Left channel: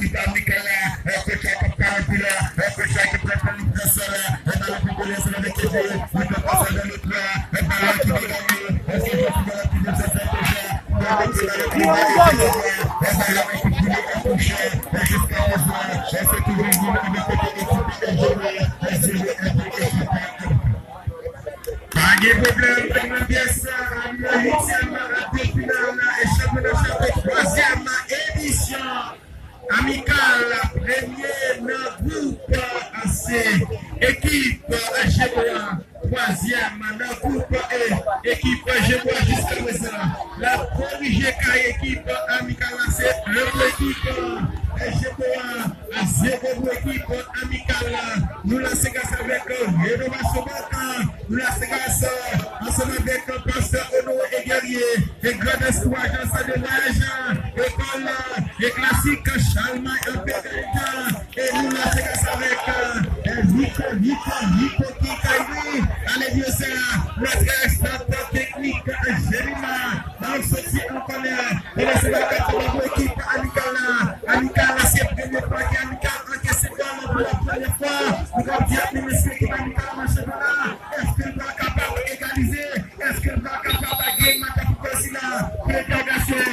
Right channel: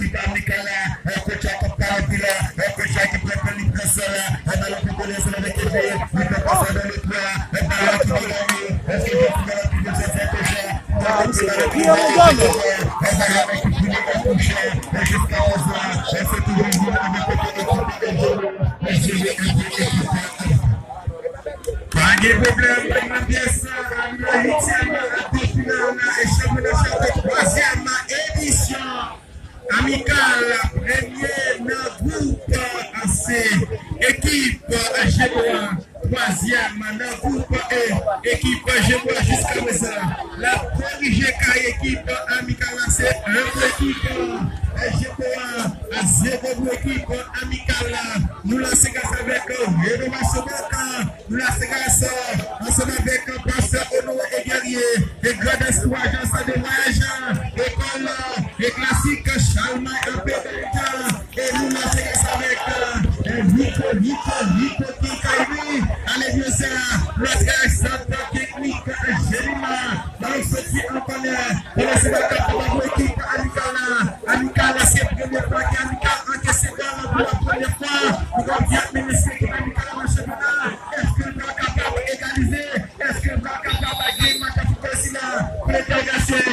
l'équipe amicale, coach à Capcapila, coach à Capcapila, on a la population avec les jeux, il peut passer dans le plan, et par là qui va gagner, est-ce que je suis dans la plus de cette déjà, on va la toucher, et jusqu'à présent, elle se trouve en journée de côté de l'équipe. Pas de problème, comment dire ça, la 8e finale et championnat de 3e édition amicale, première dans le groupe AC, équipe Gébois, 3e dans le groupe E, équipe Gébois jusqu'à présent. La corrigée équipe amicale, c'est l'équipe Gébois à 0 pour l'équipe amicale. Nous laissons avec Renaud Massobaka, nous laissons ensemble avec Pasteur Ono et Guerrier, et Grand Espoir, agence de voyage, école et classique Chalma et Pédalika, et nous laissons avec Nico Kikaïni, allez bien ça, notre centre technique Gérima, dans ce qui en connaît, nous laissons avec l'équipe amicale, c'est la première fois qu'Amicale encaisse pour la première fois, nous allons dire ministre qui amicale dans le championnat, est-ce qu'elle va capable d'égaliser, est-ce qu'elle va capable de gagner ma capitale là, pour les dégager,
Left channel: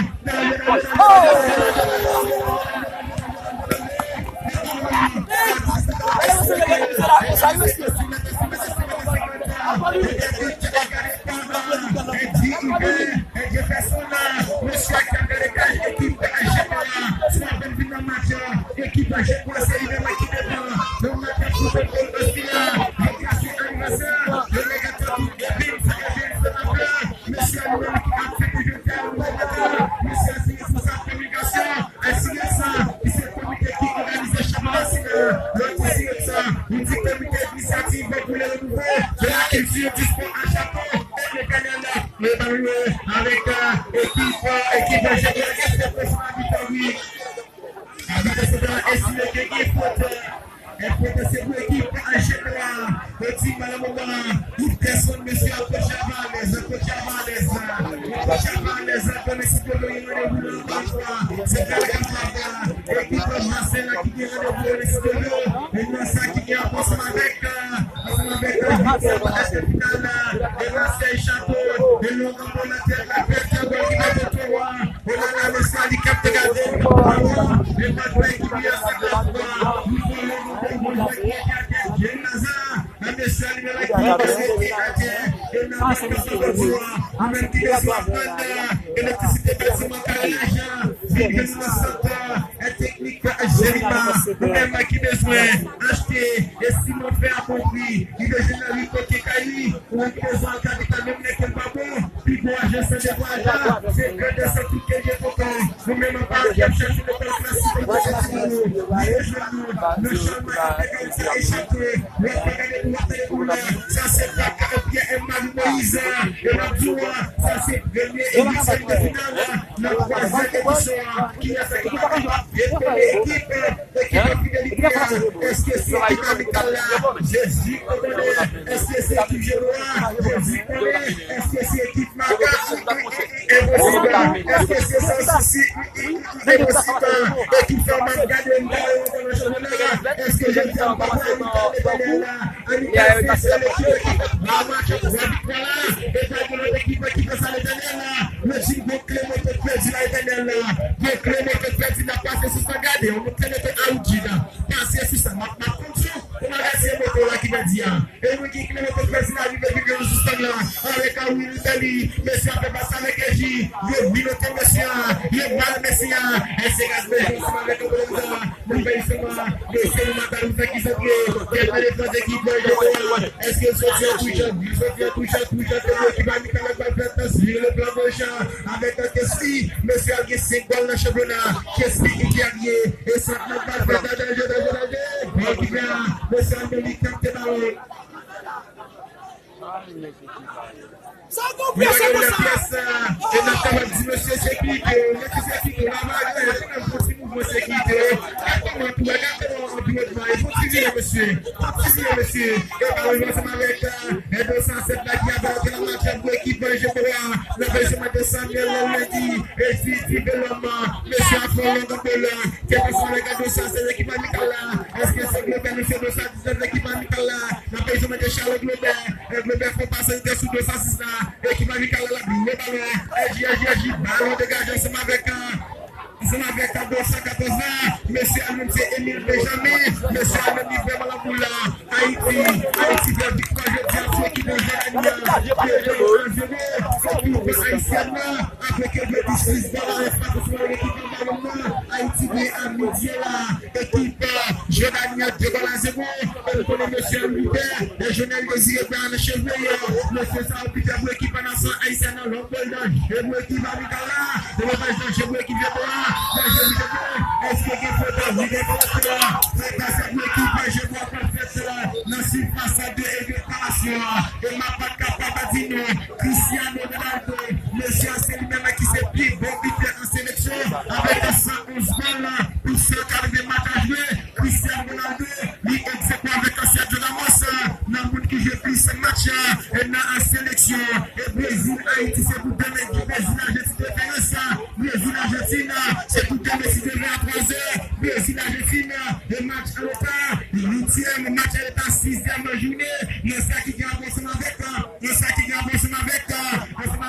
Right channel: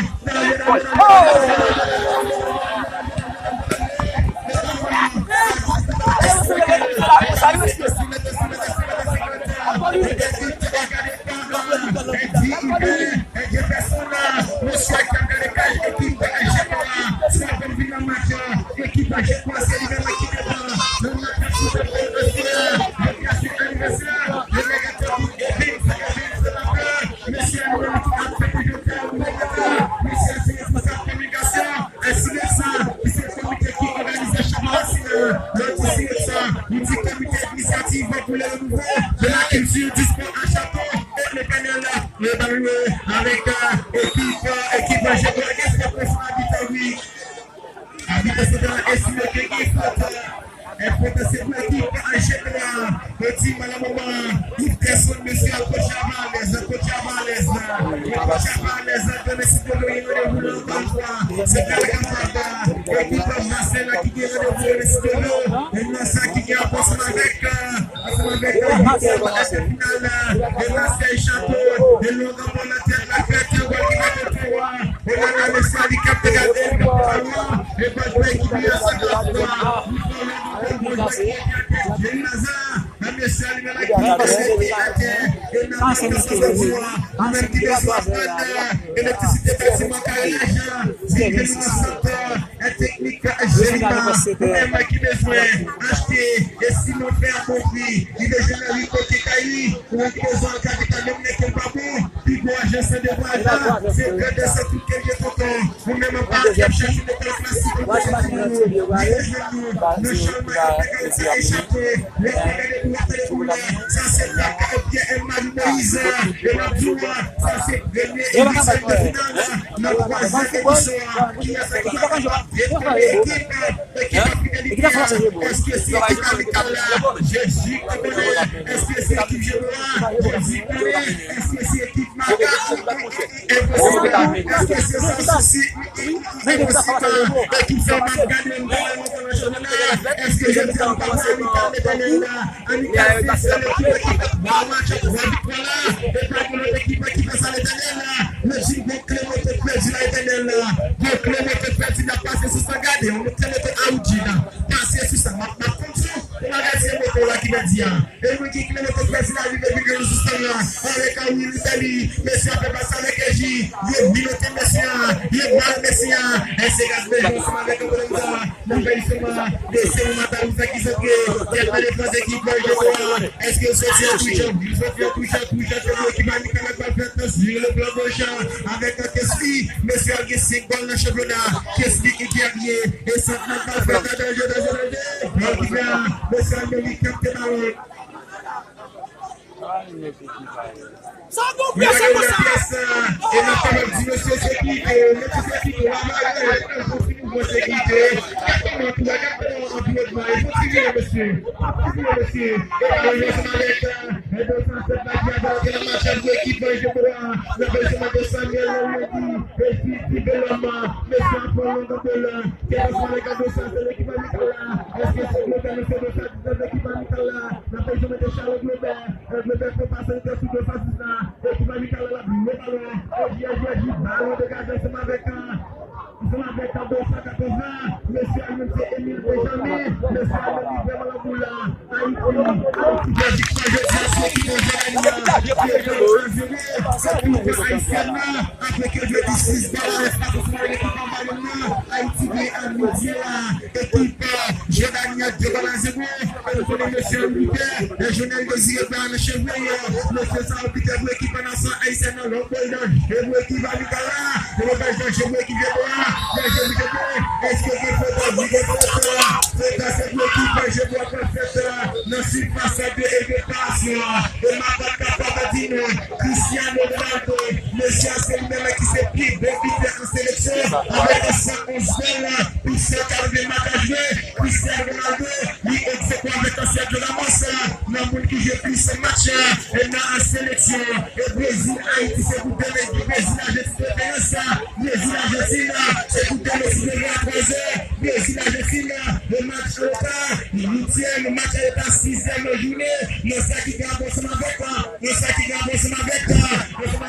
exactement tout, exactement environnement. Il faut tirer, monsieur. Monsieur. Et malheureusement, avec Edo 107 là qui a fait la match pour l'équipe, je vois le besoin de Samuel lundi, et si Beloma, monsieur Afron, qui est passé avec Edo 107, l'équipe amicale là. Est-ce que c'est Globert, monsieur 219, l'équipe amicale là? Le besoin de Charles Globert, Globert faut passer sous 206 là, l'équipe amicale là, le ballon, ballon dégagé ensemble avec 214 ans, monsieur Almen, c'est Émile Benjamin, monsieur Almen, il fait mal à boule là, Haïti, Belgique, moi je dis à ceux qui vont jouer c'est pour les Haïtiens là, avec le 16 dans l'équipe en ballon là, Haïti vient à midi là, équipe, Giovanni a 2 balles à 0, on connaît monsieur Albert, le journal désiré dans le cheveux, monsieur Saoudite, pour l'équipe en nation haïtienne, l'homme et pour l'équipe amicale là, le repêchage chez vous, l'équipe de là. Est-ce que vous faites la vie de là? C'est dans cette équipe, je vois pas fait là. Ne suis pas ça de passion. Et ma pas capable de dire non. Cristiano Ronaldo, monsieur, c'est le même qui s'est pris bon buteur en sélection. Avec 111 balles pour 140 matchs à jouer. Cristiano Ronaldo, il exécute avec un Sergio Ramos. Dans le monde qui joue plus ce match, et dans en sélection. Et Brésil, Haïti, c'est pour donner du Brésil, Argentine, Brésil, Argentine. C'est tout le Messi devrait à 3h, Brésil Argentine, le match à l'OPA, le 8e, match à l'OPA, 6e journée, nous sommes qui gagnent ensemble avec, nous sommes qui gagnent ensemble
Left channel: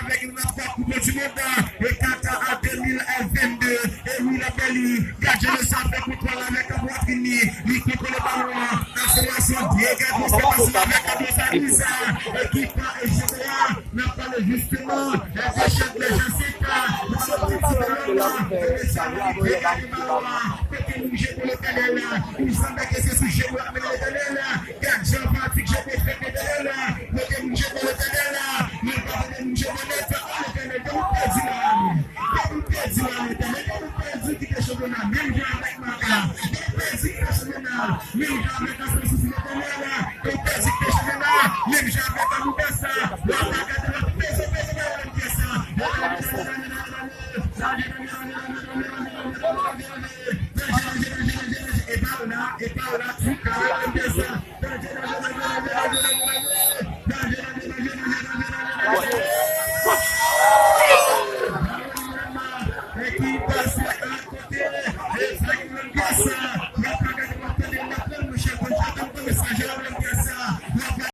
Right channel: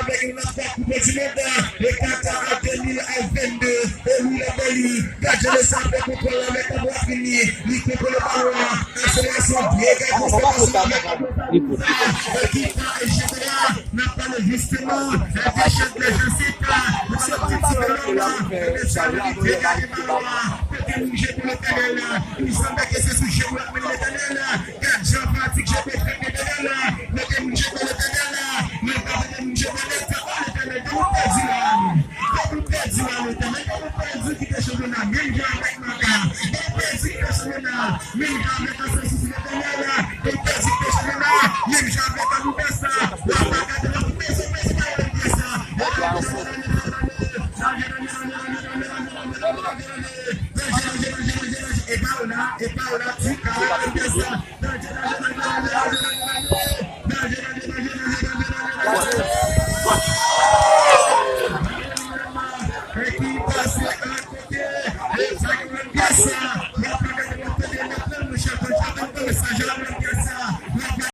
avec une autre Coupe du Monde, le Qatar à 2022, et oui, la belle, gardez le centre de contrôle avec la boîte finie, il contrôle le ballon, accélération, bien gardez avec la boîte finie, équipe et général, n'a pas le justement, la déchet de l'agence, nous sommes petits de l'homme, il semble que c'est ce que je vois avec le télé là. 4 gens pratiques, je peux faire le télé là. Le télé, je peux le télé là. Le télé, je peux le télé là. Le télé, je peux le télé là. Même j'ai avec ma part. Même j'ai avec un sens de télé là. Même j'ai avec un nouveau ça. La bagarre de la maison,